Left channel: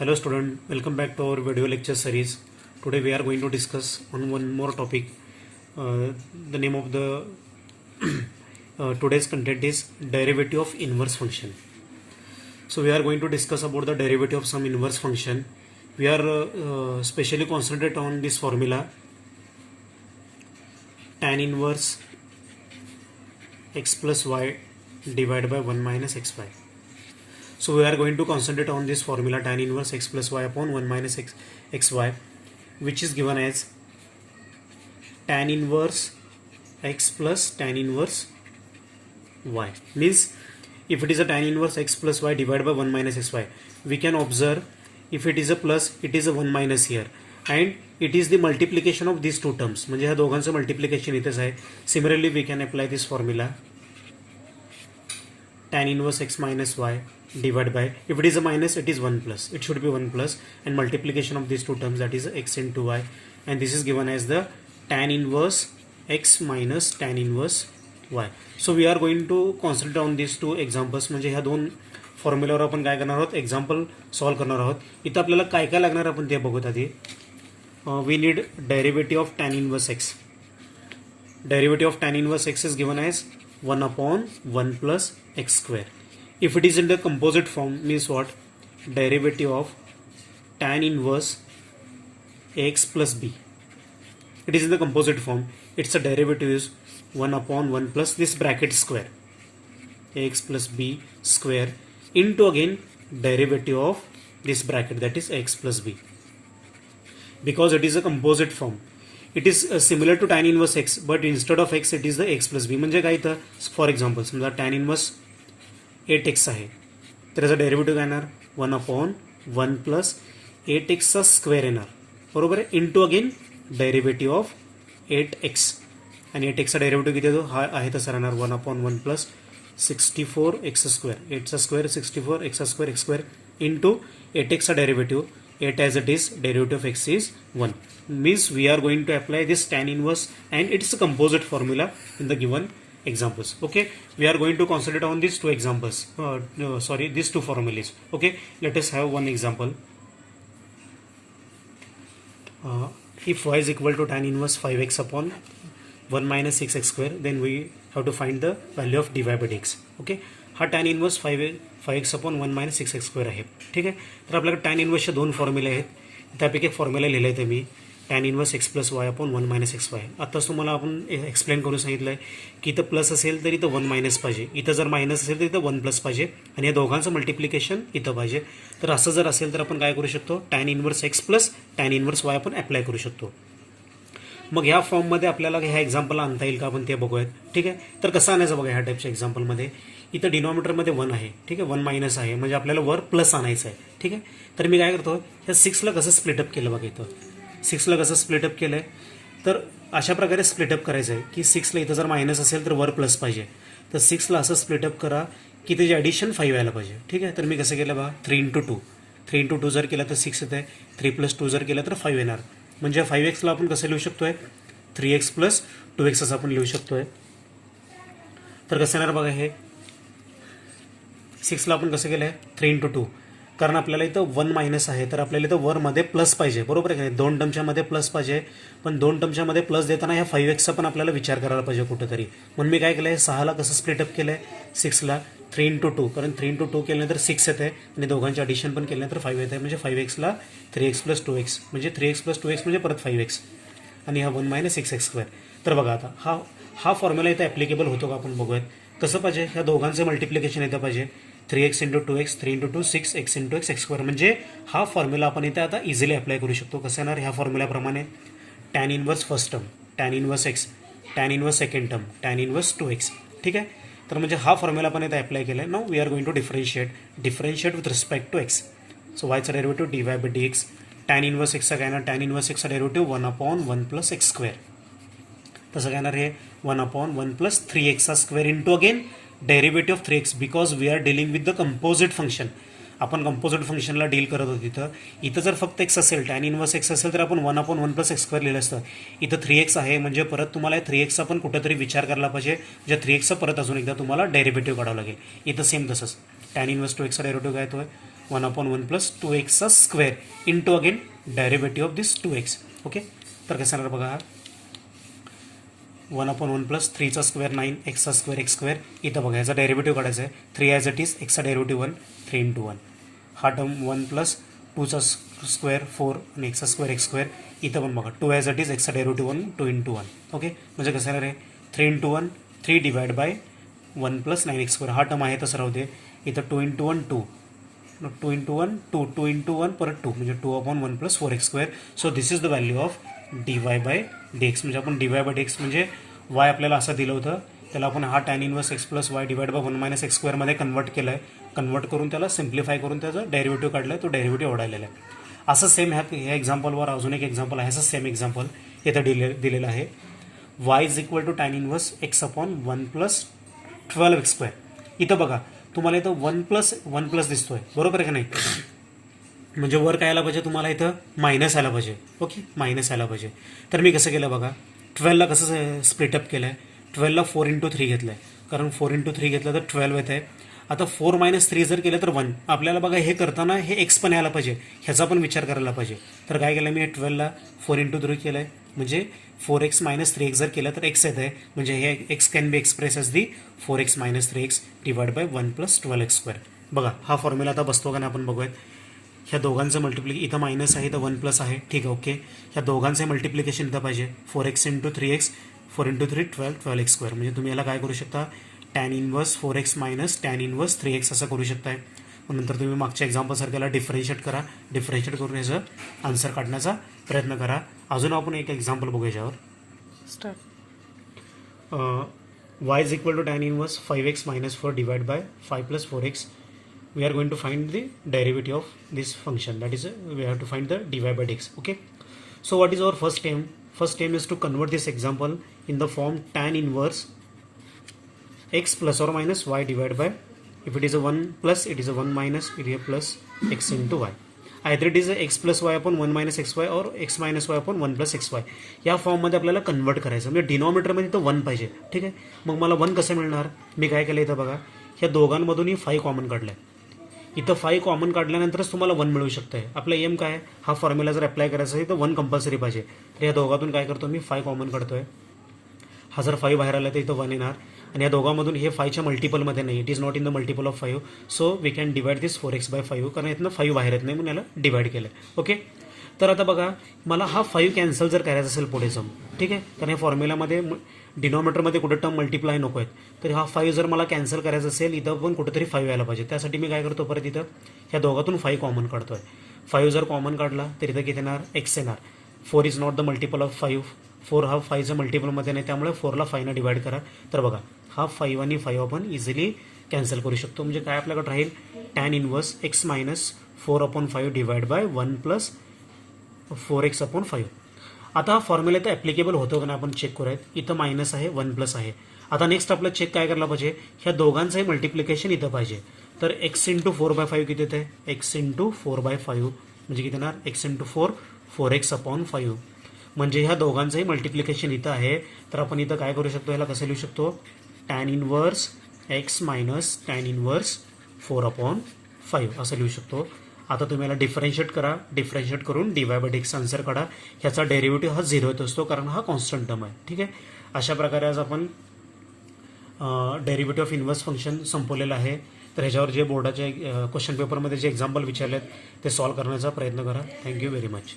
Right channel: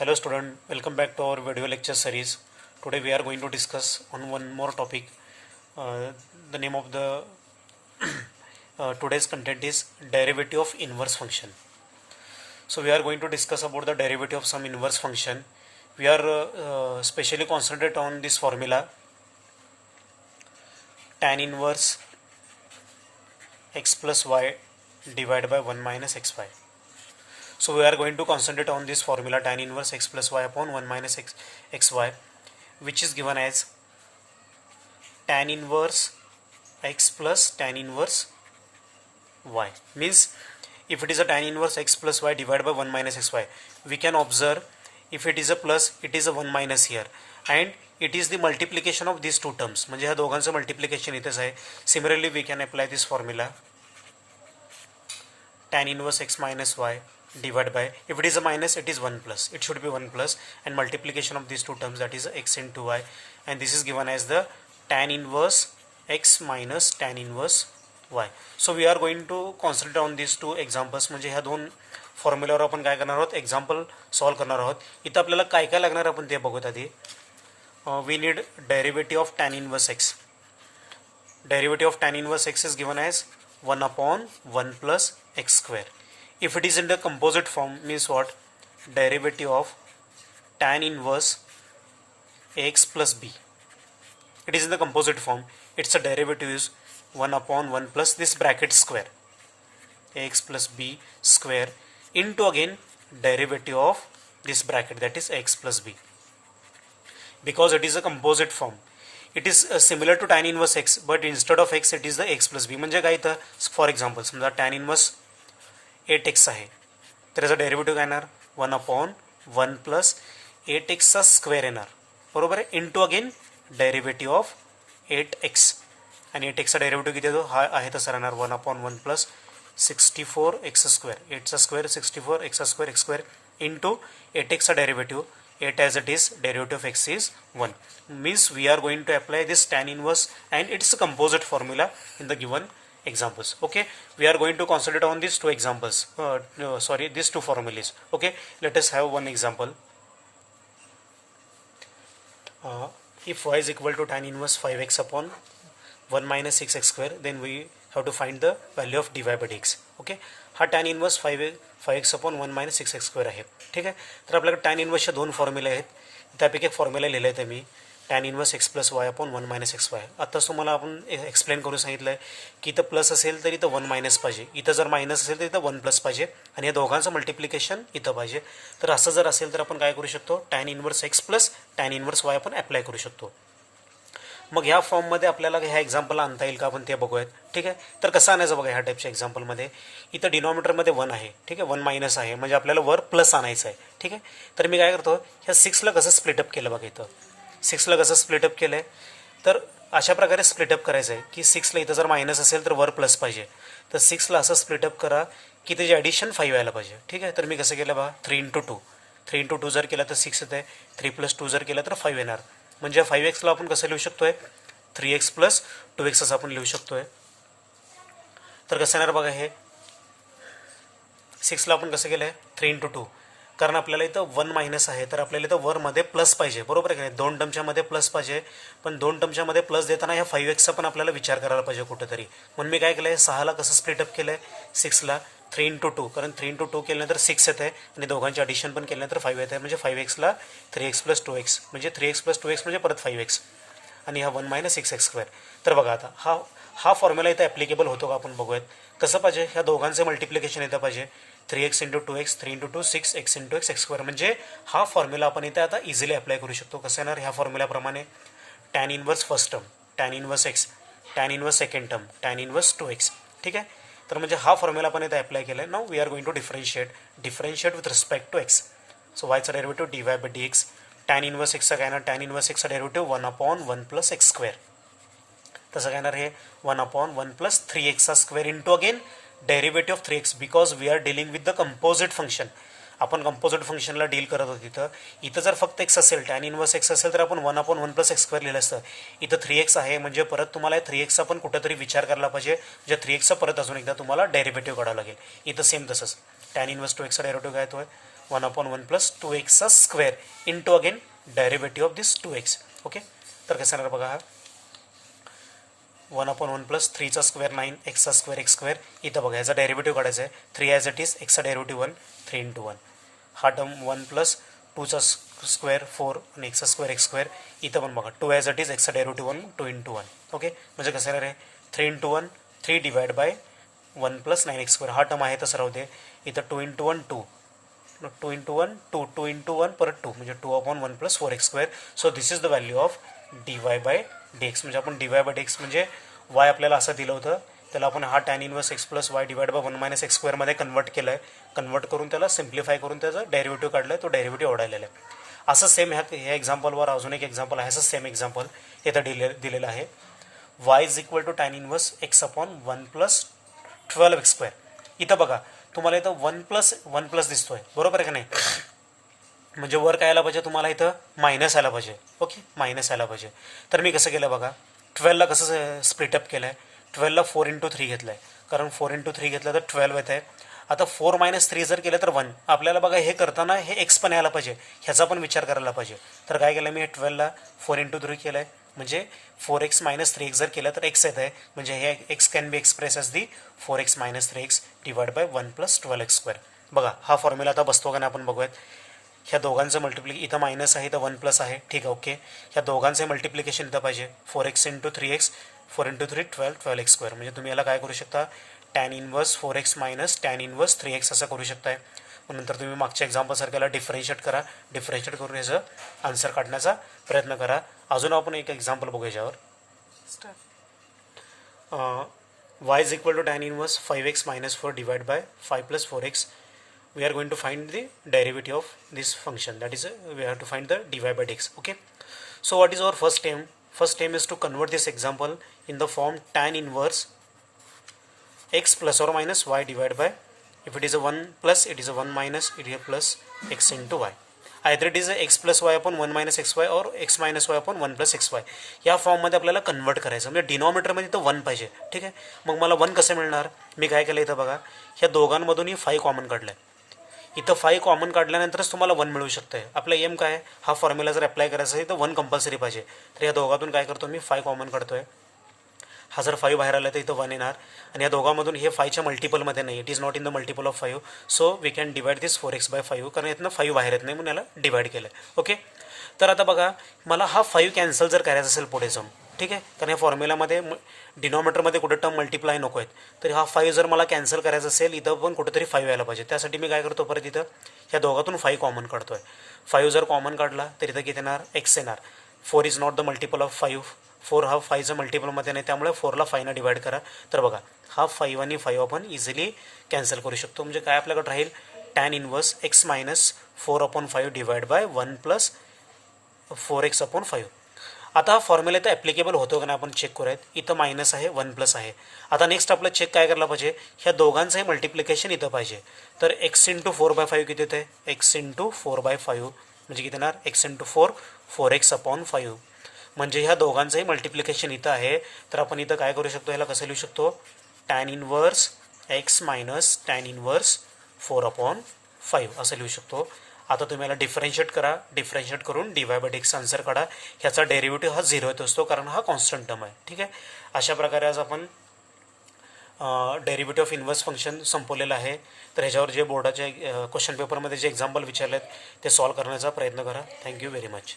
Hello student, welcome back to our video lecture series. Today we are going to discuss on one more topic. The name of the today's content is derivative of inverse function. So we are going to discuss about the derivative of some inverse function. We are specially concentrate on this formula tan inverse x plus y divided by 1 minus xy. So we are going to concentrate on this formula tan inverse x plus y upon 1 minus xy, which is given as tan inverse x plus tan inverse y. Means if it is a tan inverse x plus y divided by 1 minus xy, we can observe if it is a plus, it is a 1 minus here, and it is the multiplication of these two terms. म्हणजे ह्या दोघांचं multiplication इथेच आहे. Similarly we can apply this formula tan inverse x minus y divided by, if it is a minus, it is 1 plus, it should be 1 plus, and multiplication of these two terms, that is x into y, and this is given as the tan inverse x minus tan inverse y. So we are going to concentrate on these two examples. म्हणजे ह्या दोन फॉर्म्युलावर आपण काय करणार आहोत, example solve करणार आहोत. इथं आपल्याला काय काय लागणार आपण ते बघूत आधी. We need derivative of tan inverse x. Derivative of tan inverse x is given as 1 upon 1 plus x square. If it is in the composite form, means what? Derivative of tan inverse ax plus b. It is in the composite form. Its a derivative is 1 upon 1 plus this bracket square, ax plus b square, into again derivative of this bracket, that is x plus b. Because it is a composite form, it is similar to tan inverse x, but instead of x it is the x plus b. म्हणजे काय तर for example समजा tan inverse 8x आहे, तर याचा derivative काय येणार 1 upon 1 plus 8x चा स्क्वेअर येणार, बरोबर आहे, into again derivative of 8x, आणि 8x चा डेरिव्हेटिव्ह किती येतो, हा आहे तसा राहणार 1 अपॉन 1 प्लस 64x स्क्वेअर, 8चा स्क्वेअर 64, x चा square x square, into 8x चा derivative 8 as it is, derivative of x is 1. Means we are going to apply this tan inverse, and it's a composite formula in the given examples. Okay, we are going to concentrate on these two examples, these two formulas. Okay, let us have one example. If y is equal to tan inverse 5x upon 1 minus 6x square, then we have to find the value of dy by dx. Okay, हा tan inverse 5x upon 1 minus 6x square आहे. ठीक आहे, तर आपल्याकडे tan inverse दोन फॉर्म्युले आहेत. त्यापैकी एक फॉर्म्युला लिहिला आहे मी tan inverse x plus y upon 1 minus xy. आताच तुम्हाला आपण एक्सप्लेन करून सांगितलं आहे की इथं प्लस असेल तर इथं 1 मायनस पाहिजे, इथं जर मायनस असेल तर इथं 1 प्लस पाहिजे, आणि या दोघांचं मल्टिप्लिकेशन इथं पाहिजे. तर असं जर असेल तर आपण काय करू शकतो, tan inverse x plus tan inverse y आपण अप्लाय करू शकतो. मग ह्या फॉर्ममध्ये आपल्याला ह्या एक्झाम्पलला आणता येईल का आपण ते बघूयात. ठीक आहे, तर कसं आणायचं बघा ह्या टाईपच्या एक्झाम्पलमध्ये. इथं डिनॉमिनेटरमध्ये 1 आहे, ठीक आहे, 1 मायनस आहे, म्हणजे आपल्याला वर प्लस आणायचं आहे. ठीक आहे, तर मी काय करतो, ह्या 6ला कसं स्प्लिटअप केलं बघा, इथं 6ला कसं स्प्लिटअप केलं आहे, तर अशा प्रकारे स्प्लिटअप करायचं आहे की 6ला इथं जर मायनस असेल तर वर प्लस पाहिजे, तर 6ला असं स्प्लिटअप करा की त्याची ॲडिशन 5 यायला पाहिजे. ठीक आहे, तर मी कसं केलं बघा, 3 into 2, 3 into 2 जर केला तर 6 येत आहे, 3 plus 2 जर केला तर 5 येणार. म्हणजे 5xला आपण कसं लिहू शकतो आहे, 3x प्लस 2x असं आपण लिहू शकतो आहे. तर कसं येणार बघा, हे 6ला आपण कसं केलं आहे 3 into 2, कारण आपल्याला इथं 1 मायनस आहे, तर आपल्याला इथं वरमध्ये प्लस पाहिजे, बरोबर आहे का नाही, 2 टर्मच्या मध्ये प्लस पाहिजे, पण 2 टर्मच्या मध्ये प्लस देताना ह्या 5xचा पण आपल्याला विचार करायला पाहिजे कुठेतरी. म्हणून मी काय केलं आहे, 6ला कसं स्प्लिटअप केलं आहे, 6ला 3 into 2, कारण 3 into 2 केल्यानंतर 6 येत आहे, आणि दोघांची ॲडिशन पण केल्यानंतर 5 येत आहे, म्हणजे 5xला 3x प्लस 2x, म्हणजे 3x प्लस 2x म्हणजे परत 5x, आणि हा 1 मायनस 6x स्क्वेअर. तर बघा आता हा फॉर्म्युला इथं ॲप्लिकेबल होतो का आपण बघूयात. कसं पाहिजे, ह्या दोघांचे मल्टिप्लिकेशन येतं पाहिजे, 3x into 2x, 3 into 2 6x into x x square. म्हणजे हा फॉर्म्युला आपण इथे आता इझिली अप्लाय करू शकतो. कसं येणार, ह्या फॉर्म्युल्याप्रमाणे tan inverse first term, tan inverse x, tan inverse second term, tan inverse 2x. ठीक आहे, तर म्हणजे हा फॉर्म्युला आपण इथे अप्लाय केला आहे. Now we are going to differentiate with respect to x. So वायचा derivative dy by dx, tan inverse एक्सचा काय येणार, tan इनवर्स एक्सचा derivative 1 upon 1 plus x square. तसं काय येणार, हे 1 upon 1 plus 3x square into again derivative of 3x, because we are dealing with the composite function. आपण कंपोजिट फंक्शनला डील करत होतो. इथं जर फक्त x असेल, tan इनवर्स x असेल, तर आपण 1 अपॉन 1 प्लस x स्क्वेअर लिहिलं असतं. इथं 3x आहे, म्हणजे परत तुम्हाला 3xचा पण कुठेतरी विचार करायला पाहिजे, म्हणजे 3xचा परत अजून एकदा तुम्हाला डेरिव्हेटिव्ह काढावं लागेल. इथं सेम तसंच tan इनवर्स 2x चा डेरिव्हेटिव्ह काय येतो, 1/1 plus 2x square into again derivative of this 2x. Okay, तर कसं येणार बघा, हा 1/1 प्लस 3चा स्क्वेअर 9 एक्सचा स्क्वेअर एक्स स्क्वेअर. इथं बघा याचा डेरिव्हेटिव्ह काढायचा आहे. 3 ॲज इट इज, एक्सचा डेरिव्हेटिव्ह 1, 3 इंटू 1. हा टर्म 1 प्लस 2चा स्क्वेअर 4 आणि एक्सचा स्क्वेअर एक्स स्क्वेअर. इथं पण बघा 2 ॲज इट इज, एक्सचा डेरिव्हेटिव्ह 1, 2 इंटू 1. ओके, म्हणजे कसं येणार आहे 3 into 1, 3 divide by 1 plus 9 x square. हा टर्म आहे तसं राहू दे. इथं 2 इंटू 1 2, 2 इंटू 1 2, 2 इंटू 1 परत 2, म्हणजे 2/1 plus 4x square. So this is the value of dy by dx. म्हणजे आपण dy बाय dx म्हणजे y आपल्याला असं दिलं होतं, त्याला आपण हा tan inverse x plus y divide by 1 minus x स्क्वेअरमध्ये कन्वर्ट केलं आहे. कन्वर्ट करून त्याला सिम्प्लिफाय करून त्याचं डेरिव्हेटिव्ह काढलं आहे, तो डेरिव्हेटिव्ह ओढायलेला आहे. असं सेम ह्या एक्झाम्पलवर अजून एक एक्झाम्पल आहे. असं सेम एक्झाम्पल इथं दिलेलं आहे. y is equal to tan inverse x upon 1 plus 12x square. इथं बघा तुम्हाला इथं 1 प्लस दिसतोय, बरोबर आहे का नाही? म्हणजे वर काय आला पाहिजे तुम्हाला, इथं मायनस आला पाहिजे. ओके, मायनस आला पाहिजे. तर मी कसं केलं बघा, 12ला कसं स्प्लिटअप केलं आहे, 12ला 4 इंटू 3 घेतलं आहे, कारण 4 इंटू 3 घेतलं तर 12 येत आहे. आता 4 मायनस 3 जर केलं तर 1. आपल्याला बघा हे करताना हे एक्स पण यायला पाहिजे, ह्याचा पण विचार करायला पाहिजे. तर काय केलं मी, 12ला 4 इंटू 3 केलं आहे, म्हणजे 4x मायनस 3x जर केलं तर एक्स येत आहे. म्हणजे हे x can be express as the 4x minus 3x divide by 1 plus 12x square. बघा हा फॉर्म्युला आता बसतो का नाही आपण बघूयात. ह्या दोघांचं मल्टिप्लिकेशन इथं मायनस आहे, इथं 1 प्लस आहे, ठीक आहे. ओके, ह्या दोघांचं मल्टिप्लिकेशन इथं पाहिजे. 4x into 3x, 4 into 3 12x square. म्हणजे तुम्ही याला काय करू शकता, tan inverse 4x minus tan inverse 3x असं करू शकताय. मग नंतर तुम्ही मागच्या एक्झाम्पलसारख्याला डिफरन्शिएट करा, डिफरन्शिएट करून याचं आन्सर काढण्याचा प्रयत्न करा. अजून आपण एक एक्झाम्पल बघू याच्यावर. y is equal to tan inverse 5x minus 4 divide by 5 plus 4x. We are going to find the derivative of this function, that is we have to find the dy by dx. Okay, so what is our first aim? First aim is to convert this example in the form tan inverse x plus or minus y divided by, if it is a 1 plus, it is a 1 minus, it is a plus x into y. Either it is a x plus y upon 1 minus xy or x minus y upon 1 plus xy. या फॉर्ममध्ये आपल्याला convert करायचं, म्हणजे डिनॉमिनेटरमध्ये तर 1 पाहिजे. ठीक आहे, मग मला 1 कसं मिळणार, मी काय केलं इथं बघा, ह्या दोघांमधूनही 5 कॉमन काढलं आहे. इथं 5 कॉमन काढल्यानंतरच तुम्हाला 1 मिळू शकतं आहे. आपला एम काय आहे, हा फॉर्म्युला जर अप्लाय करायचा आहे तर 1 कंपल्सरी पाहिजे. तर या दोघातून काय करतो मी, 5 कॉमन काढतो आहे. हा जर 5 बाहेर आला तर इथं 1 येणार, आणि या दोघांमधून हे 5च्या मल्टिपलमध्ये नाही, it is not in the multiple of 5. So we can divide this 4x by 5, कारण यातनं 5 बाहेर येत नाही म्हणून याला डिवाइड केलं. ओके, तर आता बघा मला हा 5 कॅन्सल जर करायचा असेल पुढे जाऊन, ठीक आहे, कारण या फॉर्म्युलामध्ये डिनॉमिनेटरमध्ये कुठं टर्म मल्टिप्लाय नको आहेत. तर हा 5 जर मला कॅन्सल करायचा असेल, इथं पण कुठेतरी 5 यायला पाहिजे. त्यासाठी मी काय करतो, परत इथं ह्या दोघातून 5 कॉमन काढतो आहे. 5 जर कॉमन काढला तर इथं किती येणार, एक्स येणार. 4 is not the multiple of 5, 4 हा 5चा मल्टिपलमध्ये नाही, त्यामुळे 4ला 5नं डिवाइड करा. तर बघा हा 5 आणि 5 आपण इझिली कॅन्सल करू शकतो. म्हणजे काय आपल्याकडे राहील, tan inverse x minus 4/5 divide by 1 plus 4x/5. आता हा फॉर्म्युला इथं ॲप्लिकेबल होतो का नाही आपण चेक करूयात. इथं मायनस आहे, 1 प्लस आहे. आता नेक्स्ट आपलं चेक काय करायला पाहिजे, ह्या दोघांचंही मल्टिप्लिकेशन इथं पाहिजे. तर x इंटू 4/5 किती येतं आहे, x इंटू 4/5 म्हणजे किती येणार, x इंटू 4 4x/5. म्हणजे ह्या दोघांचंही मल्टिप्लिकेशन इथं आहे. तर आपण इथं काय करू शकतो, ह्याला कसं लिहू शकतो, tan inverse x minus tan inverse 4/5 असं लिहू शकतो. आता तुम्ही याला डिफरन्शिएट करा, डिफरन्शिएट करून dy बाय dx आन्सर काढा. ह्याचा डेरिव्हेटिव्ह हा 0 येत असतो, कारण हा कॉन्स्टंट टर्म आहे. ठीक आहे, अशा प्रकारे आज आपण डेरिव्हेटिव्ह ऑफ इन्व्हर्स फंक्शन संपवलेलं आहे. तर ह्याच्यावर जे बोर्डाचे क्वेश्चन पेपरमध्ये जे एक्झाम्पल विचारलेत ते सॉल्व करण्याचा प्रयत्न करा. Thank you very much.